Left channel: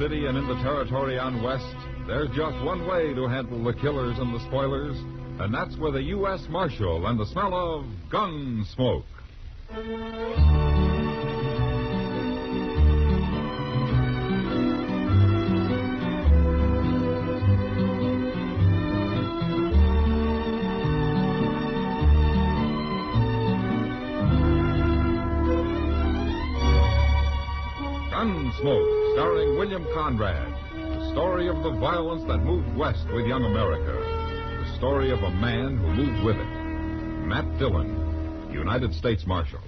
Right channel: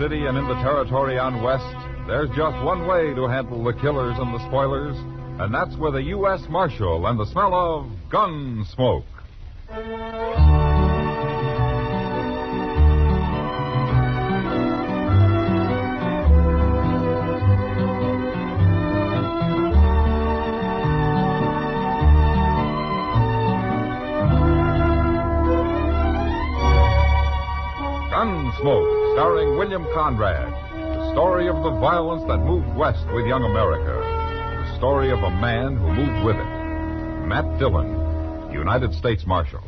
city and in the territory on west, there's just one way to handle the killers and the spoilers, and that's with a U.S. Marshal and the smell of gun smoke. Gunsmoke, starring William Conrad. The story of the violence that moved west with young America. The story of a man who moved with it. Matt Dillon, United States Marshal.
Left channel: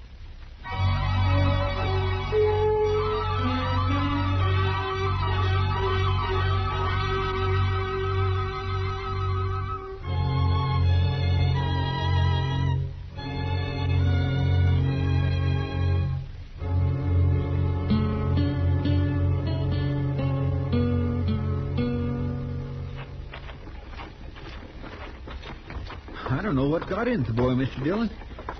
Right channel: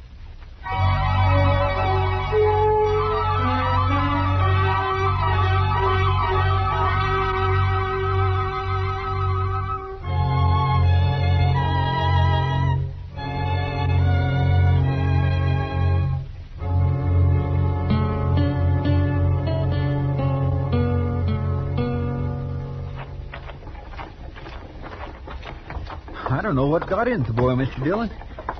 I don't know what got into the boy, Mr. Dillon.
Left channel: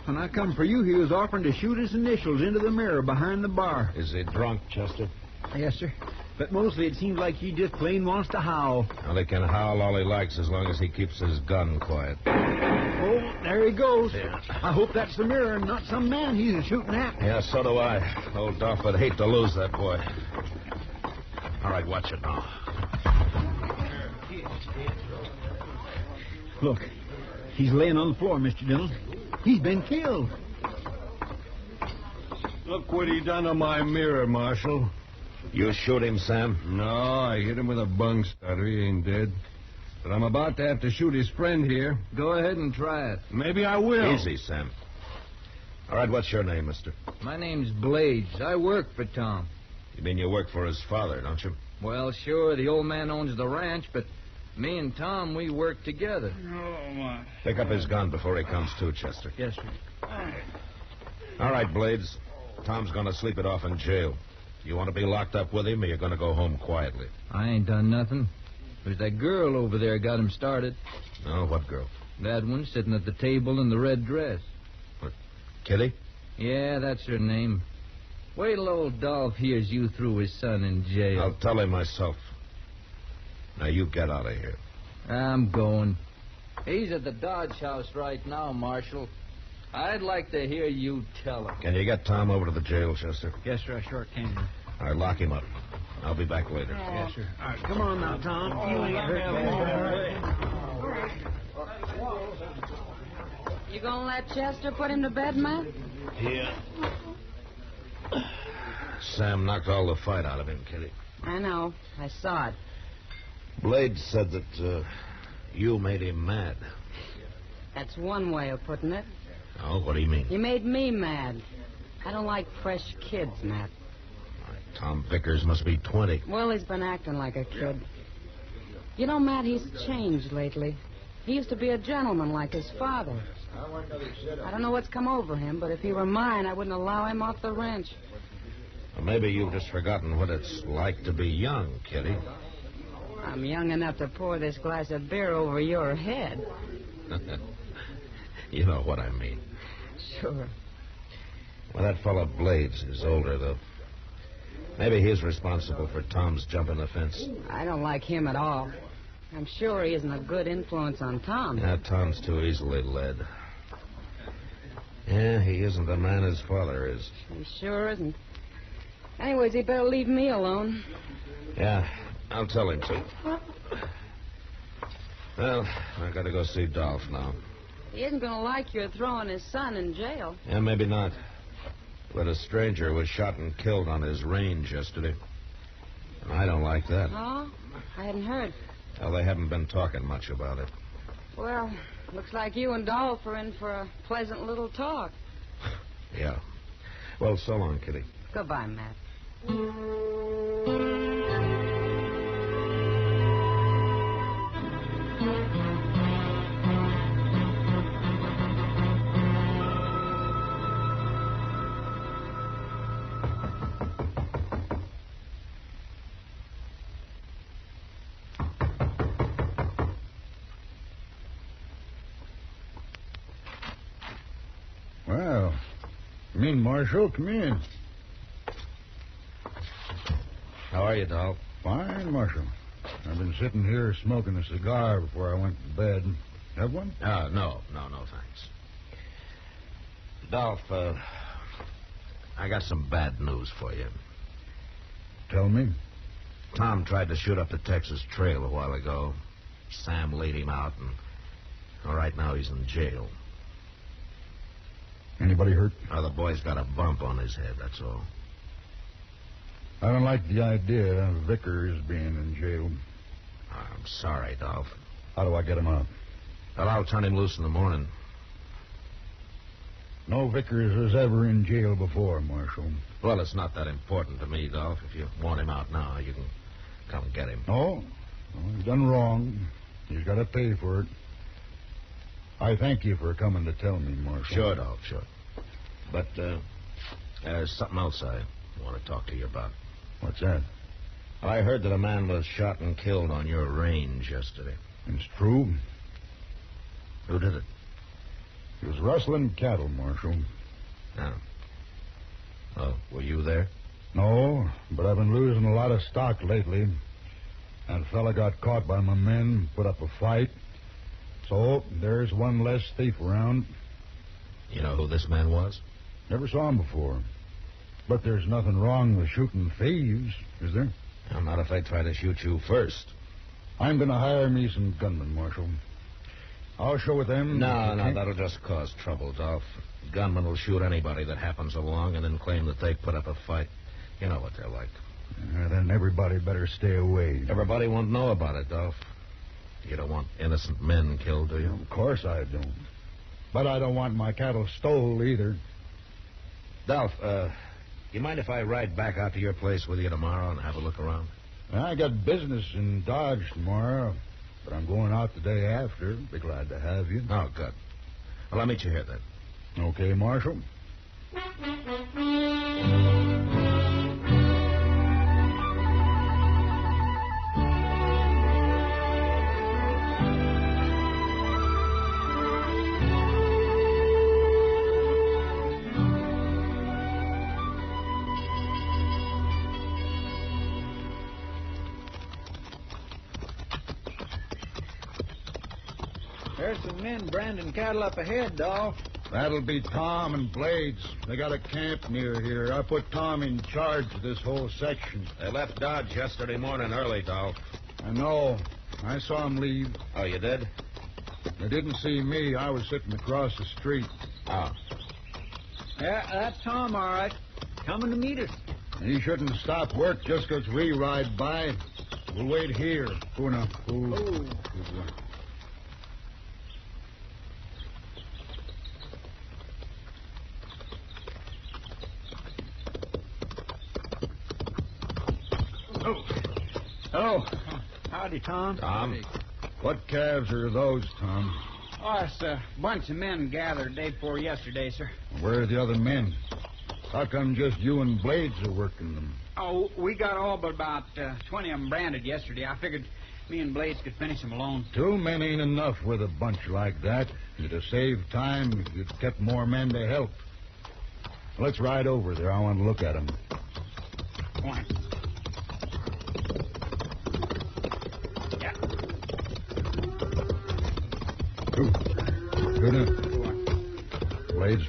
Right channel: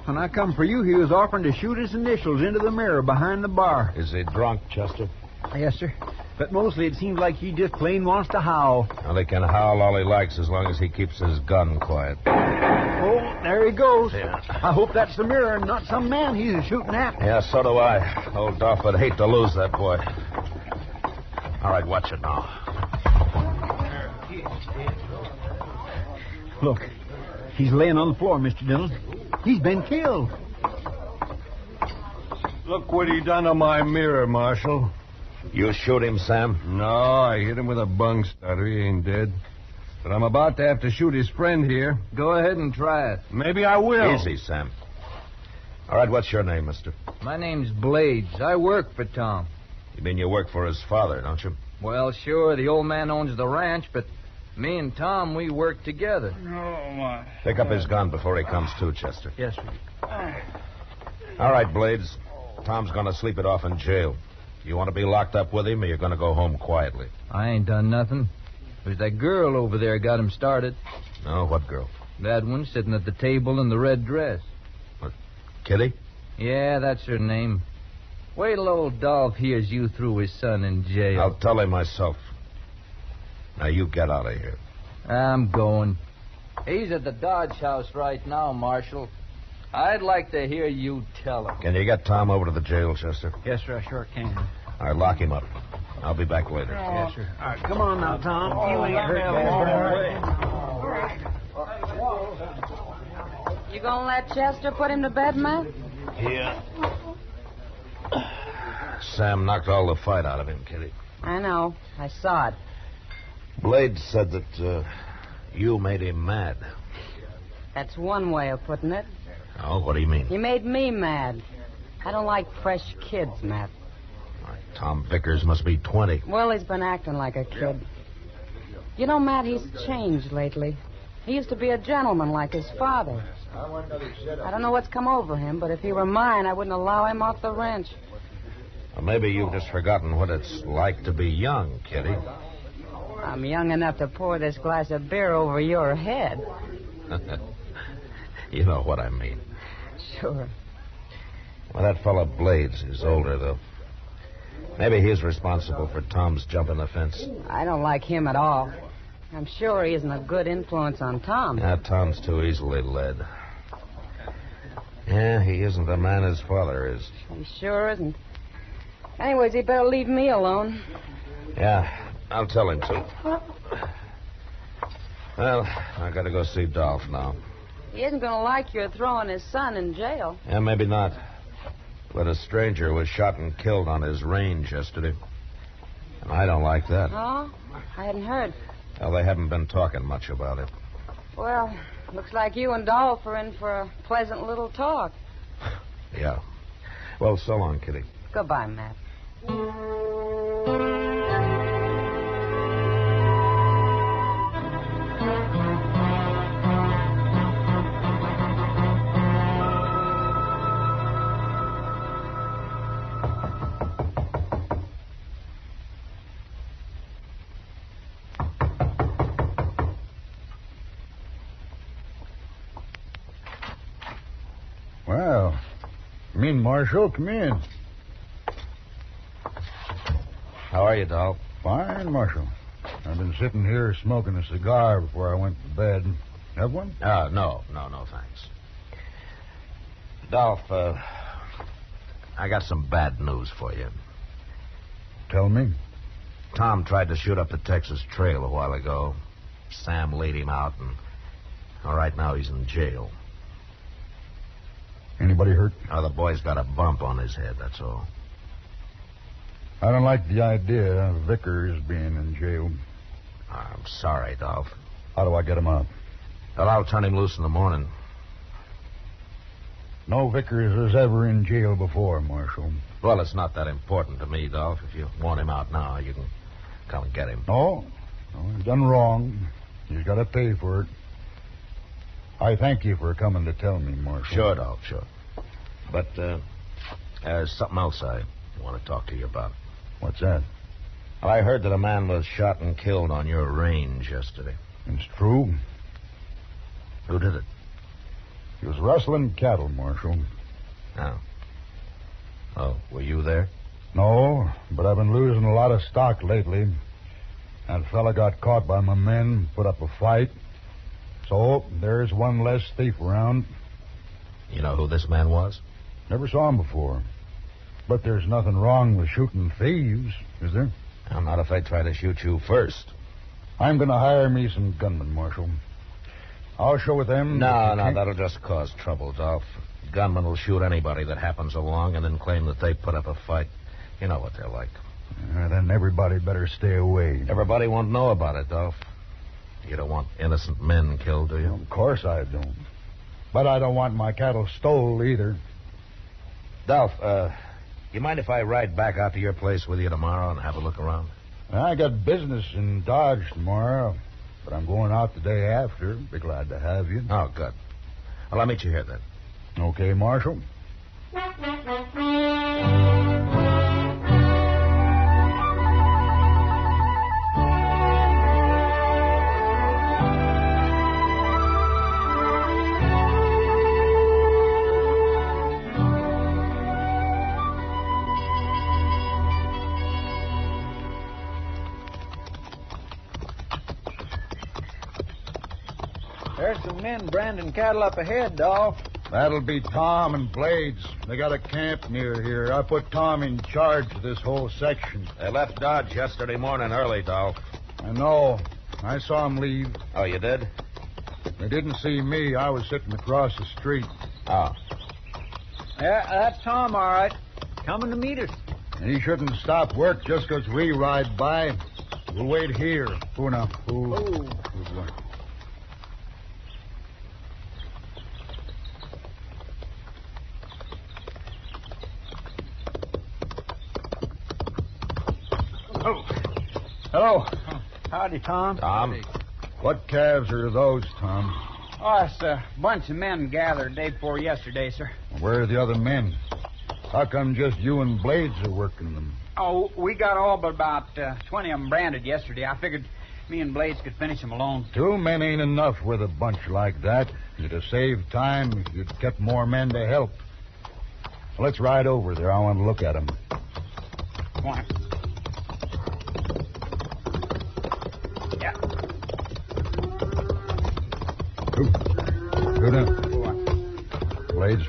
When I come for you, he was offering to shoot his initials into the mirror behind the bar. Is he drunk, Chester? Yes, sir. But mostly it seems like he just plain wants to howl. Well, he can howl all he likes as long as he keeps his gun quiet. Oh, there he goes. Yeah. I hope that's the mirror and not some man he's shooting at. Yeah, so do I. Old Duff would hate to lose that boy. All right, watch it now. Look, he's laying on the floor, Mr. Dillon. He's been killed. Look what he done to my mirror, Marshal. You shoot him, Sam? No, I hit him with a bung starter. He ain't dead. But I'm about to have to shoot his friend here. Go ahead and try it. Maybe I will. Easy, Sam. All right, what's your name, mister? My name's Blades. I work for Tom. You mean you work for his father, don't you? Well, sure, the old man owns the ranch, but me and Tom, we work together. Oh, my. Pick up his gun before he comes to, Chester. Yes, sir. All right, Blades. Tom's going to sleep it off in jail. You want to be locked up with him, or you're going to go home quietly? I ain't done nothing. There's that girl over there got him started. Oh, what girl? That one sitting at the table in the red dress. What, Kitty? Yeah, that's her name. Wait till old Dolph hears you threw his son in jail. I'll tell him myself. Now, you get out of here. I'm going. He's at the Dodge House right now, Marshal. I'd like to hear you tell him. Can you get Tom over to the jail, Chester? Yes, sir, I sure can. All right, lock him up. I'll be back later. Yes, sir. All right, come on now, Tom. You ain't hurt. You gonna let Chester put him to bed, Matt? Yeah. Sam knocked all the fight out of him, Kitty. I know. I saw it. Blade said that you made him mad. That's one way of putting it. Oh, what do you mean? He made me mad. I don't like fresh kids, Matt. All right, Tom Vickers must be 20. Well, he's been acting like a kid. You know, Matt, he's changed lately. He used to be a gentleman like his father. I don't know what's come over him, but if he were mine, I wouldn't allow him off the ranch. Well, maybe you've just forgotten what it's like to be young, Kitty. I'm young enough to pour this glass of beer over your head. You know what I mean. Sure. Well, that fellow Blades is older, though. Maybe he's responsible for Tom's jumping the fence. I don't like him at all. I'm sure he isn't a good influence on Tom. Yeah, Tom's too easily led. Yeah, he isn't the man his father is. He sure isn't. Anyways, he'd better leave me alone. Yeah, I'll tell him to. Well, I gotta go see Dolph now. He isn't going to like your throwing his son in jail. Yeah, maybe not. But a stranger was shot and killed on his range yesterday. And I don't like that. Oh? I hadn't heard. Well, they haven't been talking much about it. Well, looks like you and Dolph are in for a pleasant little talk. Yeah. Well, so long, Kitty. Goodbye, Matt. Well, Marshal, come in. How are you, Dolph? Fine, Marshal. I've been sitting here smoking a cigar before I went to bed. Have one? No, thanks. Dolph, I got some bad news for you. Tell me. Tom tried to shoot up the Texas Trail a while ago. Sam laid him out, and right now he's in jail. Anybody hurt? The boy's got a bump on his head, that's all. I don't like the idea of Vickers being in jail. I'm sorry, Dolph. How do I get him out? But I'll turn him loose in the morning. No Vickers was ever in jail before, Marshal. Well, it's not that important to me, Dolph. If you want him out now, you can come and get him. No, he's done wrong. He's got to pay for it. I thank you for coming to tell me, Marshal. Sure, Dolph, sure. But there's something else I want to talk to you about. What's that? I heard that a man was shot and killed on your range yesterday. It's true. Who did it? He was rustling cattle, Marshal. Oh, were you there? No, but I've been losing a lot of stock lately. That fella got caught by my men, put up a fight. So there's one less thief around. You know who this man was? Never saw him before. But there's nothing wrong with shooting thieves, is there? Not if I try to shoot you first. I'm going to hire me some gunmen, Marshal. I'll show with them. No, that'll just cause trouble, Dolph. Gunmen will shoot anybody that happens along and then claim that they put up a fight. You know what they're like. Then everybody better stay away. Everybody won't know about it, Dolph. You don't want innocent men killed, do you? Of course I don't. But I don't want my cattle stole either. Dolph, you mind if I ride back out to your place with you tomorrow and have a look around? I got business in Dodge tomorrow, but I'm going out the day after. Be glad to have you. Oh, good. Well, I'll meet you here then. Okay, Marshal. There's some men branding cattle up ahead, Dolph. That'll be Tom and Blades. They got a camp near here. I put Tom in charge of this whole section. They left Dodge yesterday morning early, Dolph. I know. I saw them leave. Oh, you did? They didn't see me. I was sitting across the street. Oh. Yeah, that's Tom, all right. Coming to meet us. He shouldn't stop work just 'cause we ride by. We'll wait here. Puna. Ooh. Hello. Howdy, Tom. Tom? What calves are those, Tom? Oh, it's a bunch of men gathered day before yesterday, sir. Where are the other men? How come just you and Blades are working them? Oh, we got all but about 20 of them branded yesterday. I figured me and Blades could finish them alone. 2 men ain't enough with a bunch like that. It'd have saved time if you'd kept more men to help. Let's ride over there. I want to look at them. Why? Yeah. Go down. Blades.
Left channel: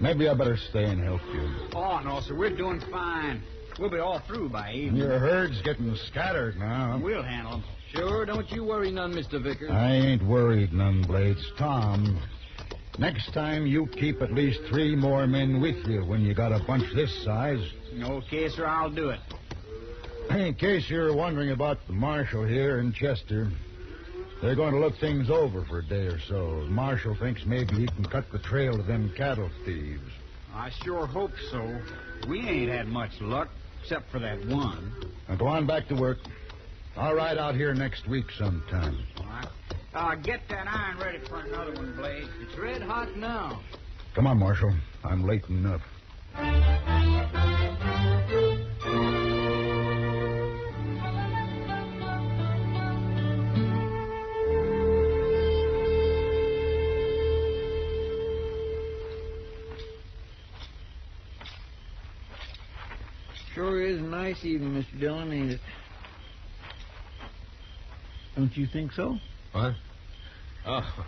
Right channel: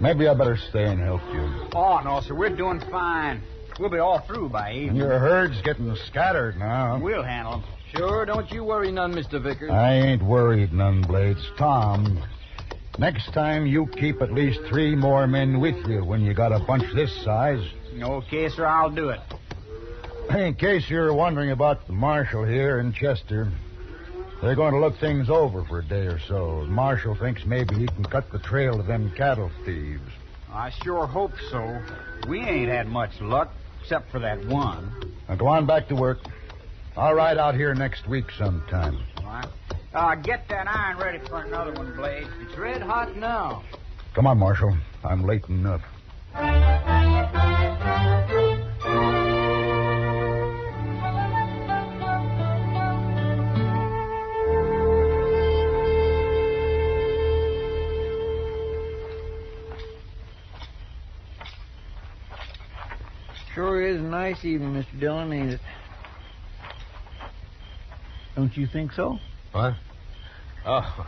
Maybe I better stay and help you. Oh, no, sir. We're doing fine. We'll be all through by And evening. your herd's getting scattered now. We'll handle them. Sure, don't you worry none, Mr. Vickers. I ain't worried none, Blades. Tom, next time you keep at least 3 more men with you when you got a bunch this size. Okay, sir, I'll do it. In case you're wondering about the marshal here in Chester, they're going to look things over for a day or so. The marshal thinks maybe he can cut the trail of them cattle thieves. I sure hope so. We ain't had much luck, except for that one. Now go on back to work. I'll ride out here next week sometime. All right. Get that iron ready for another one, Blade. It's red hot now. Come on, Marshal. I'm late enough. sure is a nice evening, Mr. Dillon, ain't it? Don't you think so? What? Oh,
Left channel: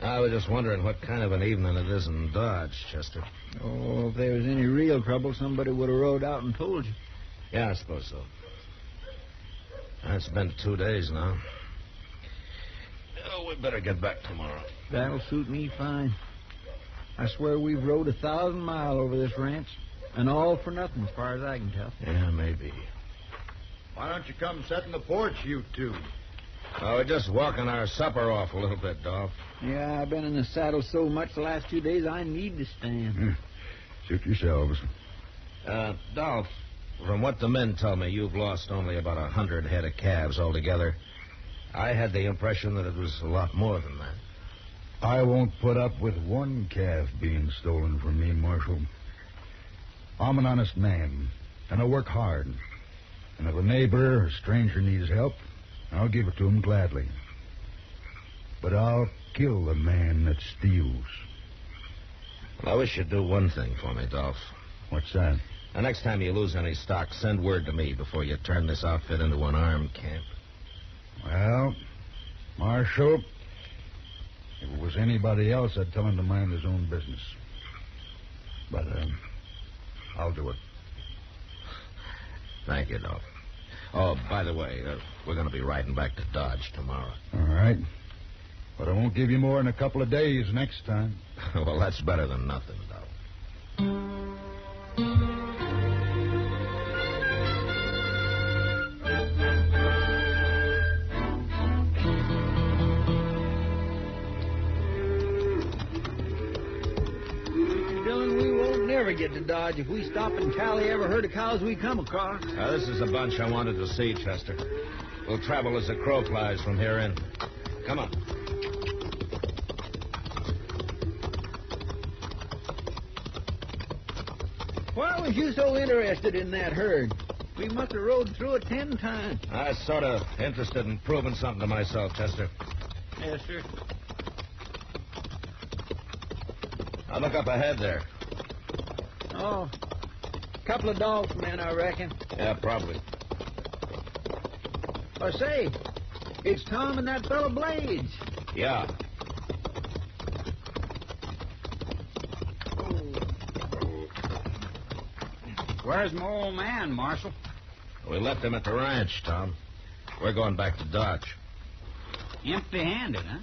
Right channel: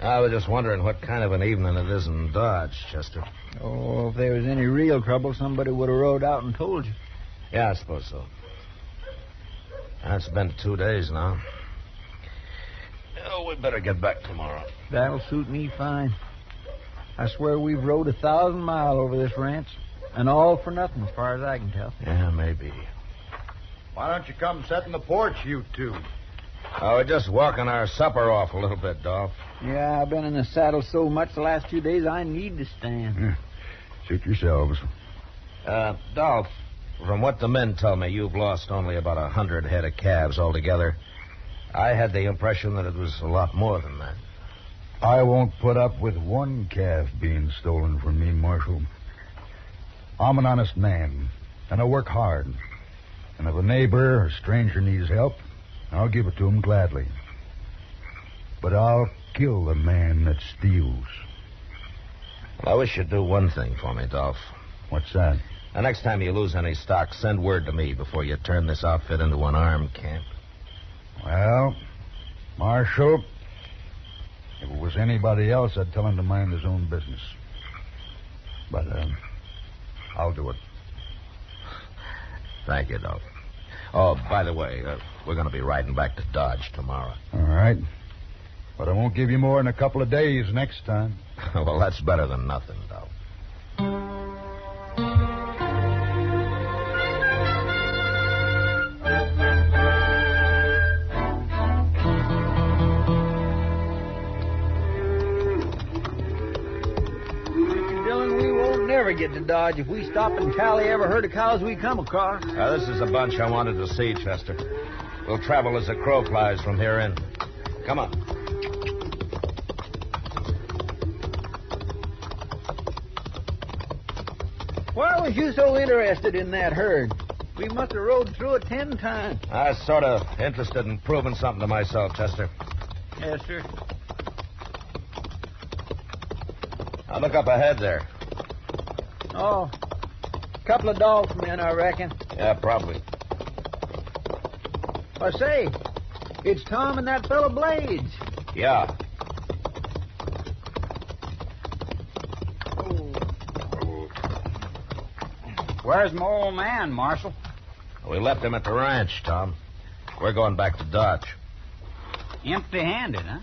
I was just wondering what kind of an evening it is in Dodge, Chester. Oh, if there was any real trouble, somebody would have rode out and told you. Yeah, I suppose so. It's been 2 days now. Oh, we better get back tomorrow. That'll suit me fine. I swear we've rode 1,000 miles over this ranch, and all for nothing, as far as I can tell. Yeah, maybe. Why don't you come sit in the porch, you two? Oh, we're just walking our supper off a little bit, Dolph. Yeah, I've been in the saddle so much the last few days I need to stand. Suit yourselves. Dolph, from what the men tell me, you've lost only about 100 head of calves altogether. I had the impression that it was a lot more than that. I won't put up with one calf being stolen from me, Marshal. I'm an honest man, and I work hard. And if a neighbor or stranger needs help, I'll give it to him gladly. But I'll kill the man that steals. Well, I wish you'd do one thing for me, Dolph. What's that? The next time you lose any stock, send word to me before you turn this outfit into an armed camp. Well, Marshal, if it was anybody else, I'd tell him to mind his own business. But, I'll do it. Thank you, Dolph. Oh, by the way, we're going to be riding back to Dodge tomorrow. All right. But I won't give you more than a couple of days next time. Well, that's better than nothing, Dolph. Mr. Dillon, we won't never get to Dodge if we stop and tally every herd of cows we come across. This is the bunch I wanted to see, Chester. We'll travel as the crow flies from here in. Come on. Why was you so interested in that herd? We must have rode through it 10 times. I was sort of interested in proving something to myself, Chester. Yes, sir. Now look up ahead there. Oh, a couple of dogs men, I reckon. Yeah, probably. I say, it's Tom and that fellow Blades. Yeah. Where's my old man, Marshal? We left him at the ranch, Tom. We're going back to Dodge. Empty-handed, huh?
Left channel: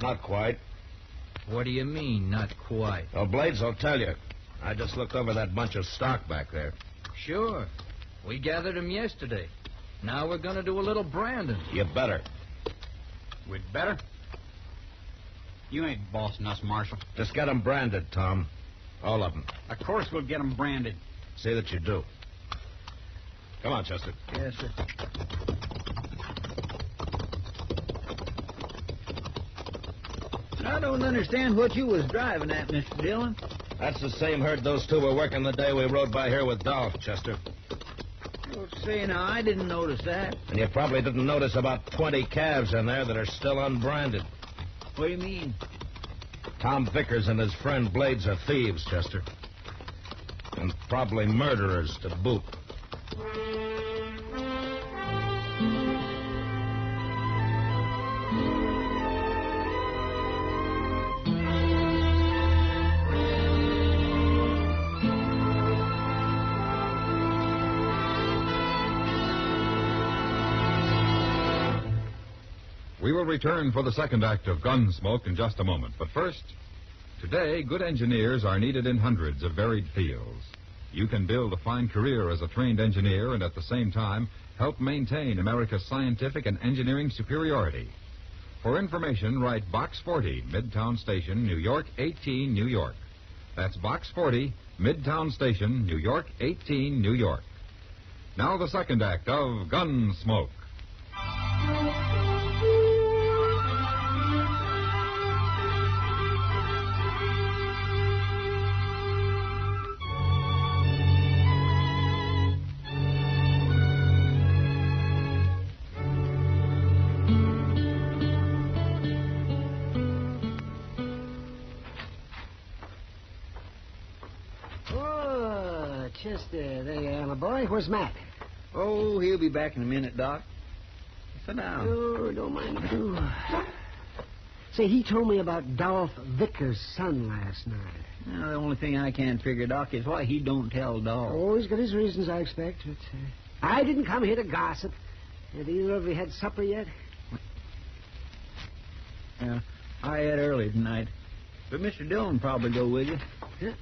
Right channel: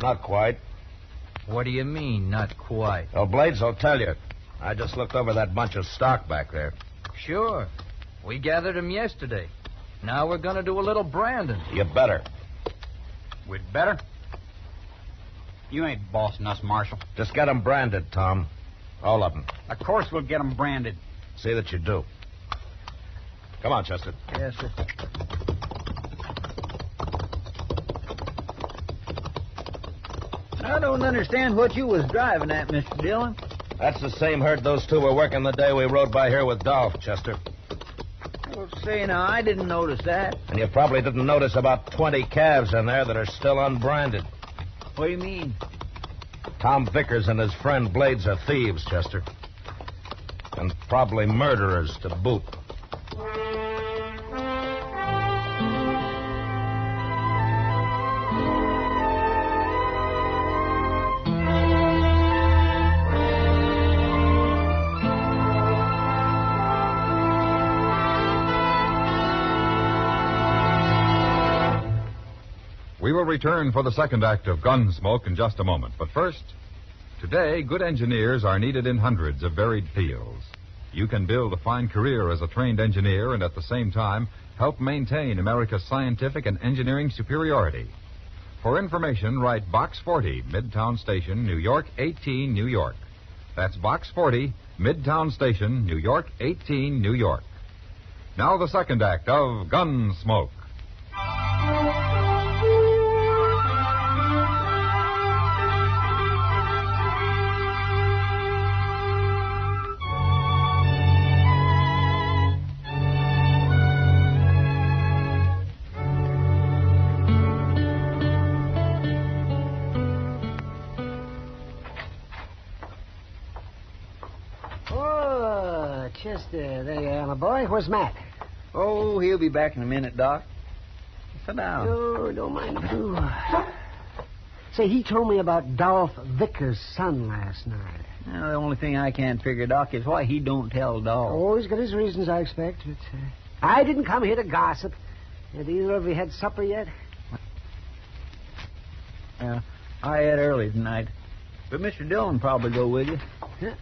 Not quite. What do you mean, not quite? Oh, Blades will tell you. I just looked over that bunch of stock back there. Sure. We gathered them yesterday. Now we're going to do a little branding. You better. We'd better. You ain't bossing us, Marshal. Just get them branded, Tom. All of them. Of course we'll get them branded. See that you do. Come on, Chester. Yes, sir. I don't understand what you was driving at, Mr. Dillon. That's the same herd those two were working the day we rode by here with Dolph, Chester. Well, say, now, I didn't notice that. And you probably didn't notice about 20 calves in there that are still unbranded. What do you mean? Tom Vickers and his friend Blades are thieves, Chester. And probably murderers to boot. We will return for the second act of Gunsmoke in just a moment. But first, today, good engineers are needed in hundreds of varied fields. You can build a fine career as a trained engineer and at the same time help maintain America's scientific and engineering superiority. For information, write Box 40, Midtown Station, New York, 18, New York. That's Box 40, Midtown Station, New York, 18, New York. Now the second act of Gunsmoke. Chester, there you are, my boy. Where's Matt? Oh, he'll be back in a minute, Doc. Sit down. Oh, don't mind if I do. Say, he told me about Dolph Vickers' son last night. Well, the only thing I can't figure, Doc, is why he don't tell Dolph. Oh, he's got his reasons, I expect. But, I didn't come here to gossip. Have either of you had supper yet? Yeah, I had early tonight. But Mr. Dillon probably go with you. Good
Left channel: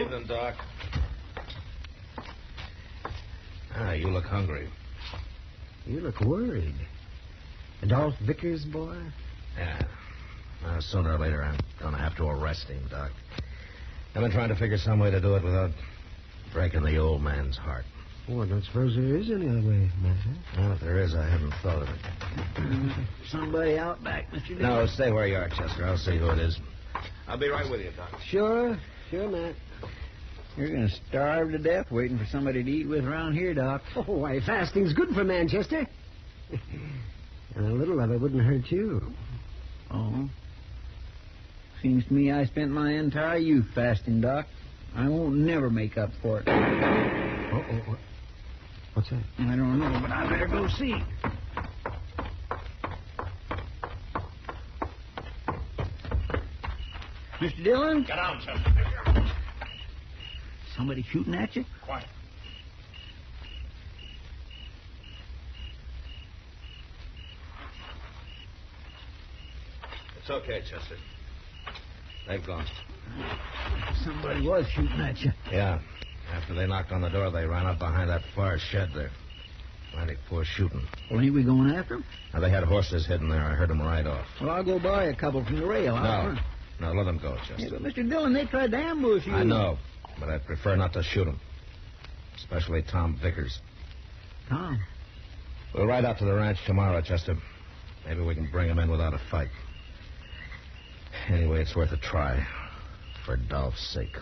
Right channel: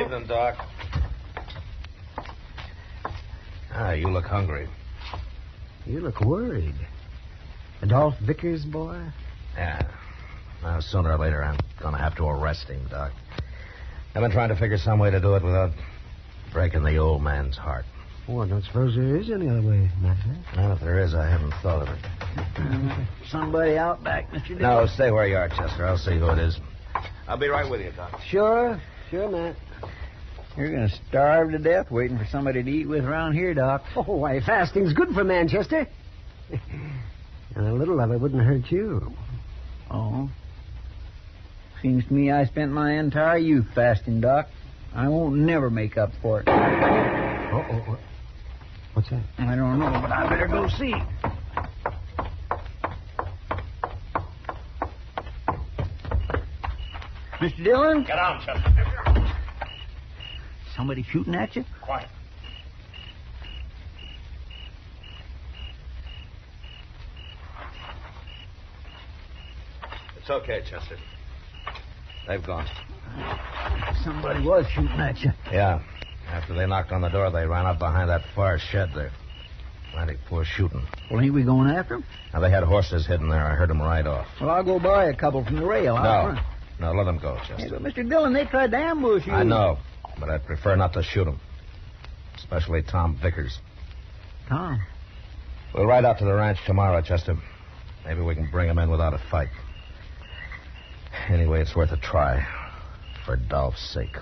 evening, Doc. You look hungry. You look worried. Dolph Vickers, boy? Yeah. Well, sooner or later, I'm going to have to arrest him, Doc. I've been trying to figure some way to do it without breaking the old man's heart. Oh, I don't suppose there is any other way, Matt. Well, if there is, I haven't thought of it. Somebody out back, Mr. Dillon. No, stay where you are, Chester. I'll see who it is. I'll be right with you, Doc. Sure, Matt. You're going to starve to death waiting for somebody to eat with around here, Doc. Oh, why, fasting's good for Manchester. And a little of it wouldn't hurt you. Oh. Seems to me I spent my entire youth fasting, Doc. I won't never make up for it. Uh-oh. What's that? I don't know, but I better go see. Mr. Dillon? Get out, Chester. Somebody shooting at you? Quiet. It's okay, Chester. They've gone. Somebody was shooting at you. Yeah. After they knocked on the door, they ran up behind that far shed there. Plenty poor shooting. Well, ain't we going after them? Now, they had horses hidden there. I heard them right off. Well, I'll go buy a couple from the rail. No, let them go, Hey, Chester. but Mr. Dillon, they tried to ambush you. I know, but I'd prefer not to shoot them. Especially Tom Vickers. Tom. We'll ride out to the ranch tomorrow, Chester. Maybe we can bring him in without a fight. Anyway, it's worth a try. For Dolph's sake.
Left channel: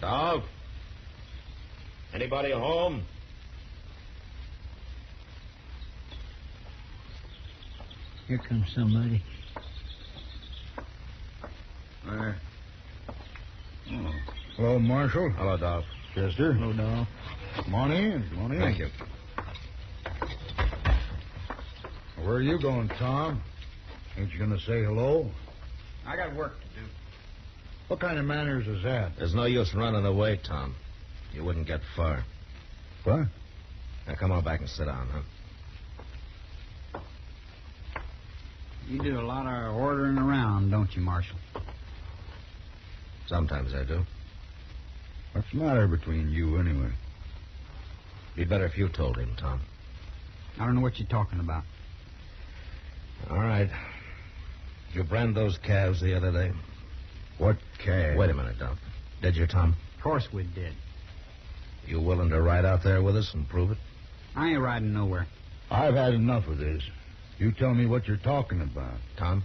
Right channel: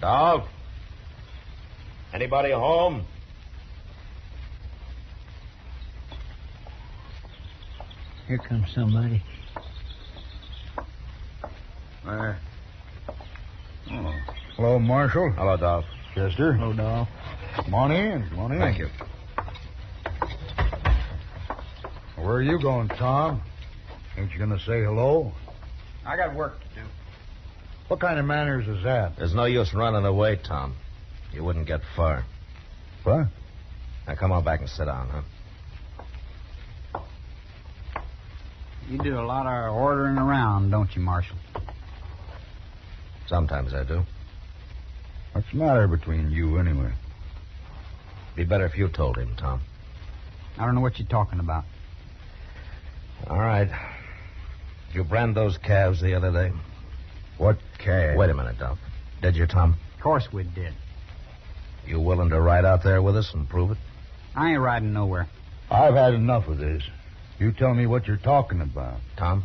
Dolph? Anybody home? Here comes somebody. Oh. Hello, Marshal. Hello, Dolph. Chester. Hello, Dolph. Come on in. Come on in. Thank you. Where are you going, Tom? Ain't you going to say hello? I got work to do. What kind of manners is that? There's no use running away, Tom. You wouldn't get far. What? Now, come on back and sit down, huh? You do a lot of ordering around, don't you, Marshal? Sometimes I do. What's the matter between you, anyway? Be better if you told him, Tom. I don't know what you're talking about. All right. Did you brand those calves the other day? What calf? Wait a minute, Dolph. Did you, Tom? Of course we did. You willing to ride out there with us and prove it? I ain't riding nowhere. I've had enough of this. You tell me what you're talking about. Tom?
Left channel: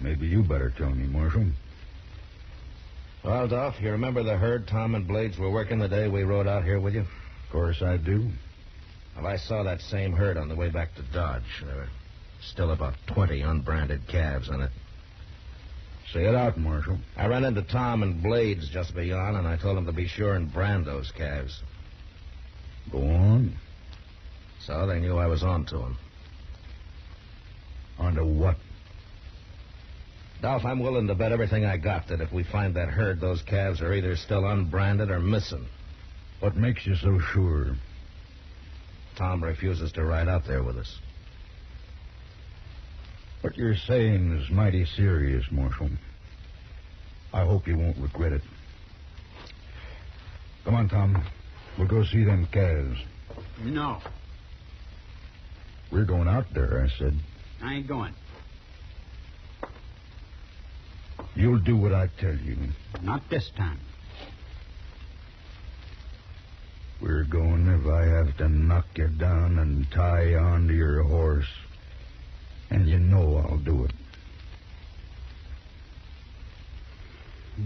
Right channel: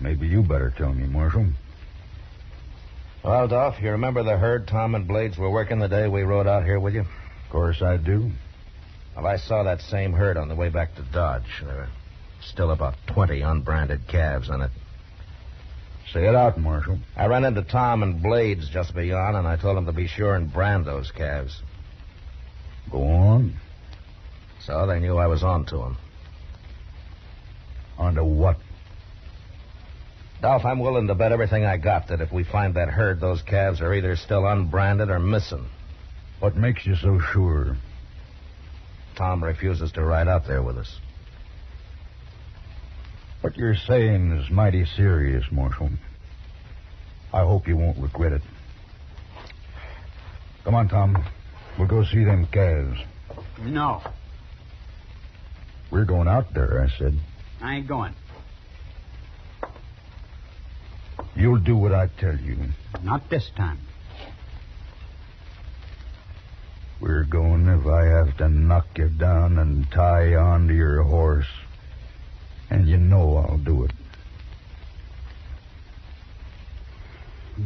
Maybe you better tell me, Marshal. Well, Dolph, you remember the herd Tom and Blades were working the day we rode out here with you? Of course I do. Well, I saw that same herd on the way back to Dodge. There were still about 20 unbranded calves on it. Say it out, Marshal. I ran into Tom and Blades just beyond, and I told them to be sure and brand those calves. Go on. So they knew I was on to them. On to what? Dolph, I'm willing to bet everything I got that if we find that herd, those calves are either still unbranded or missing. What makes you so sure? Tom refuses to ride out there with us. What you're saying is mighty serious, Marshal. I hope you won't regret it. Come on, Tom. We'll go see them calves. No, We're going out there, I said. I ain't going. You'll do what I tell you. Not this time. We're going if I have to knock you down and tie you onto your horse. And you know I'll do it.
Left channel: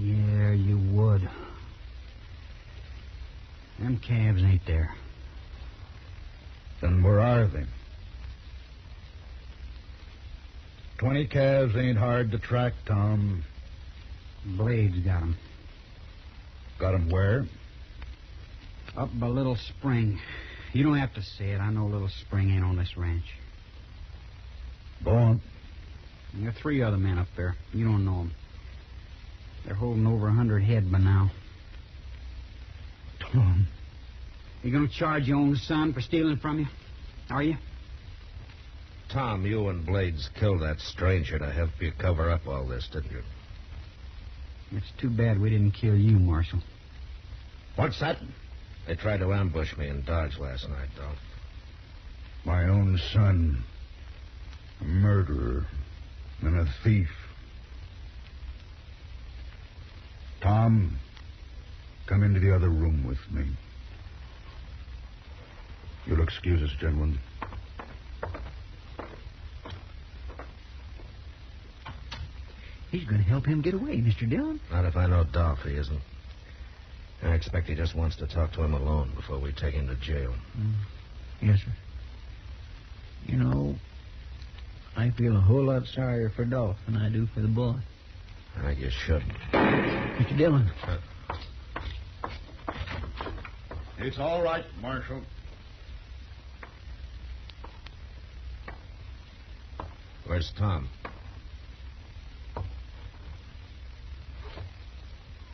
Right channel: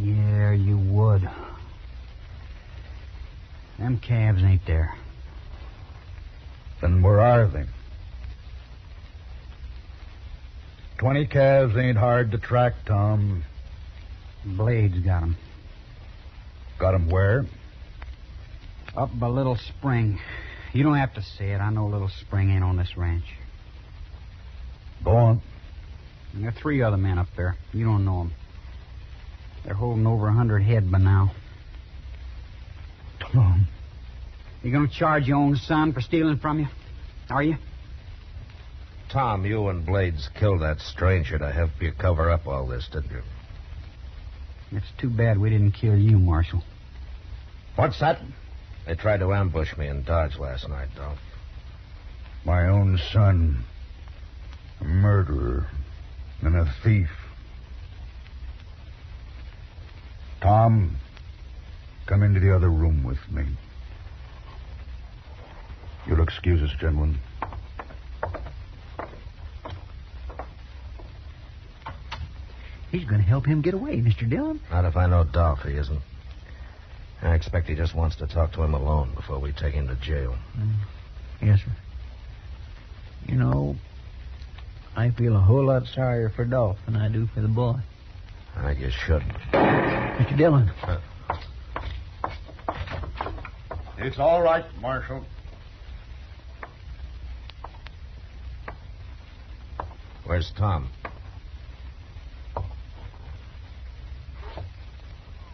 Yeah, you would. Them calves ain't there. Then where are they? 20 calves ain't hard to track, Tom. Blade's got 'em. Got 'em where? Up by Little Spring. You don't have to say it. I know Little Spring ain't on this ranch. Go on. And there are 3 other men up there. You don't know 'em. They're holding over 100 head by now. Tom. You gonna charge your own son for stealing from you? Are you? Tom, you and Blades killed that stranger to help you cover up all this, didn't you? It's too bad we didn't kill you, Marshal. What's that? They tried to ambush me in Dodge last night, Dolph. My own son. A murderer. And a thief. Tom, come into the other room with me. You'll excuse us, gentlemen. He's going to help him get away, Mr. Dillon. Not if I know Dolph, he isn't. I expect he just wants to talk to him alone before we take him to jail. Yes, sir. You know, I feel a whole lot sorrier for Dolph than I do for the boy. I think you should. Mr. Dillon. It's all right, Marshal. Where's Tom?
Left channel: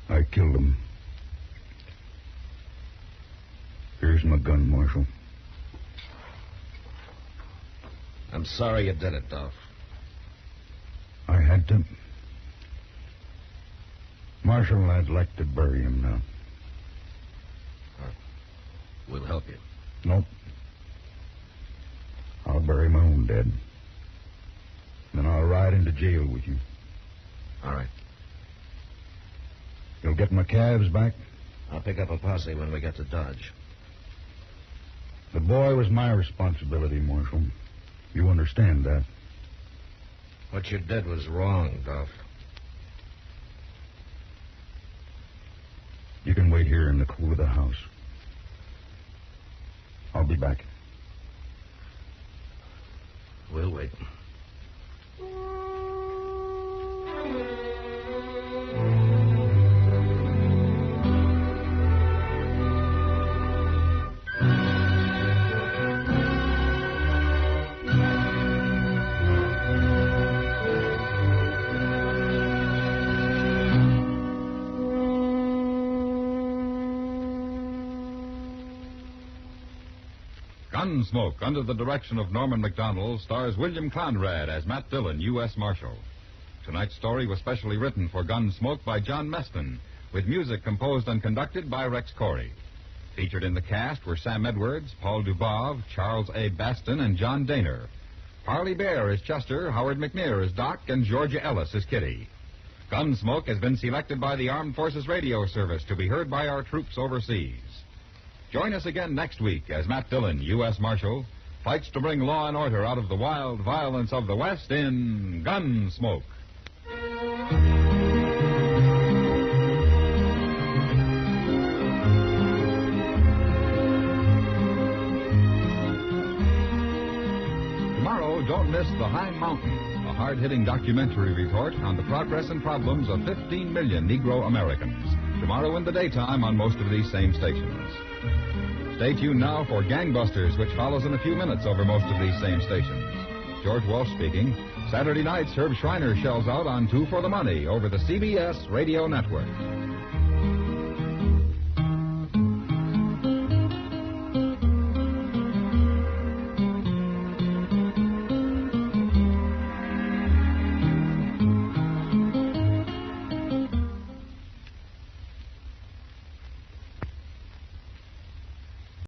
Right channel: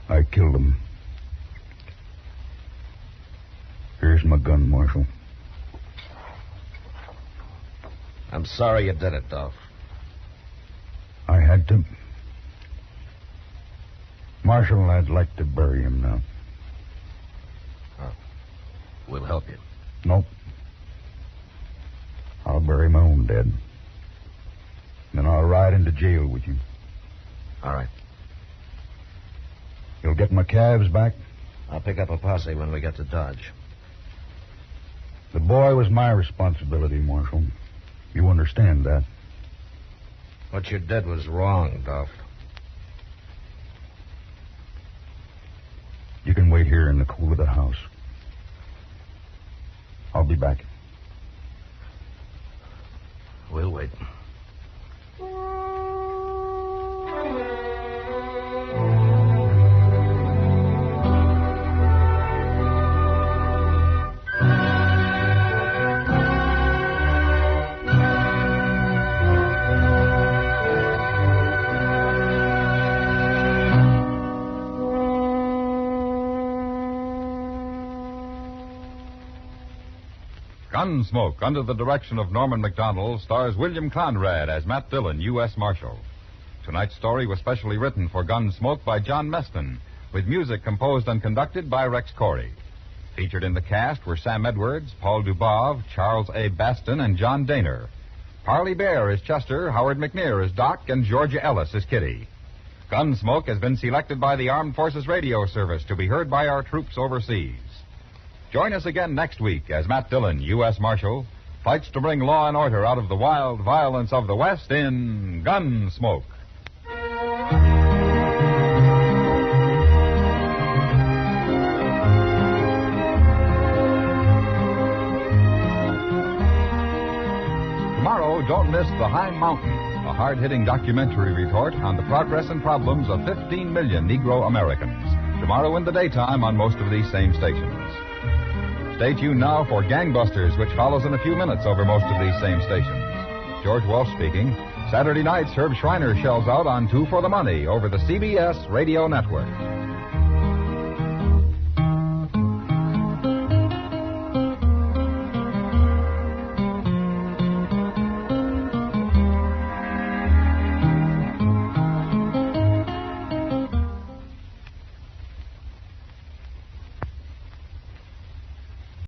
I killed him. Here's my gun, Marshal. I'm sorry you did it, Dolph. I had to. Marshal, I'd like to bury him now. We'll help you. Nope. I'll bury my own dead. Then I'll ride into jail with you. All right. You'll get my calves back? I'll pick up a posse when we get to Dodge. The boy was my responsibility, Marshal. You understand that? What you did was wrong, Dolph. You can wait here in the cool of the house. I'll be back. We'll wait. Gunsmoke, under the direction of Norman McDonald, stars William Conrad as Matt Dillon, U.S. Marshal. Tonight's story was specially written for Gunsmoke by John Meston, with music composed and conducted by Rex Corey. Featured in the cast were Sam Edwards, Paul Dubov, Charles A. Baston, and John Daner. Harley Bear is Chester, Howard McNear is Doc, and Georgia Ellis is Kitty. Gunsmoke has been selected by the Armed Forces Radio Service to be heard by our troops overseas. Join us again next week as Matt Dillon, U.S. Marshal, fights to bring law and order out of the wild violence of the West in Gunsmoke. Tomorrow, don't miss The High Mountain, a hard-hitting documentary report on the progress and problems of 15 million Negro Americans. Tomorrow in the daytime on most of these same stations. Stay tuned now for Gangbusters, which follows in a few minutes over most of these same stations. George Wolf speaking. Saturday night, Herb Schreiner shells out on Two for the Money over the CBS Radio Network.